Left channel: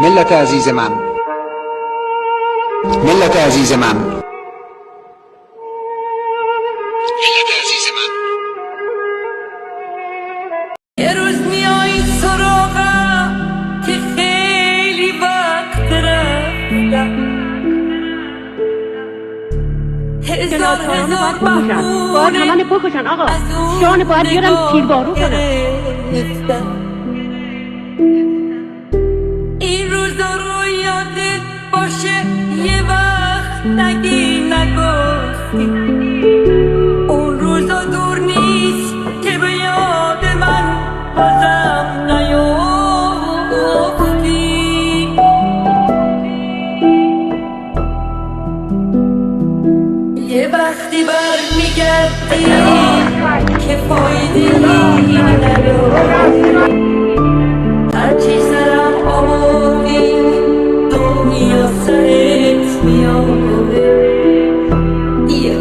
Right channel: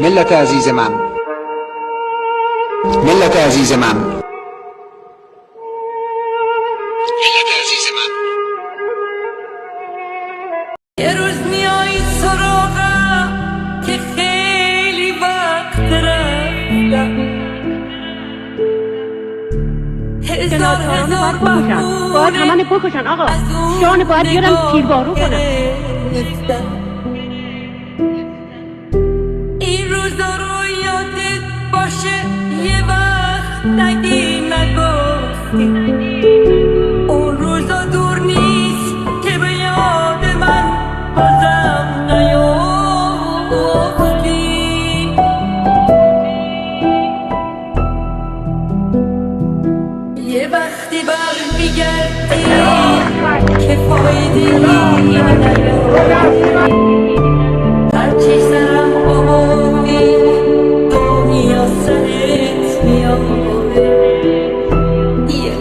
ملت عزیز من، ملت عزیز من، ملت عزیز من، یه روز میای سراغم که خیلی وقت رفتم، هزار باید همه بکشن آقا، جان باید بیارم تیربارو کنم. این روزا رو یادت باشه یه وقت نگی نگفتی، اون روزا دور نیست که به یاد من بازم نیافتی. یه وقتی برمیگردی که فایده نداری، هرچی سرم آوردی دنیا سرت میاره. یه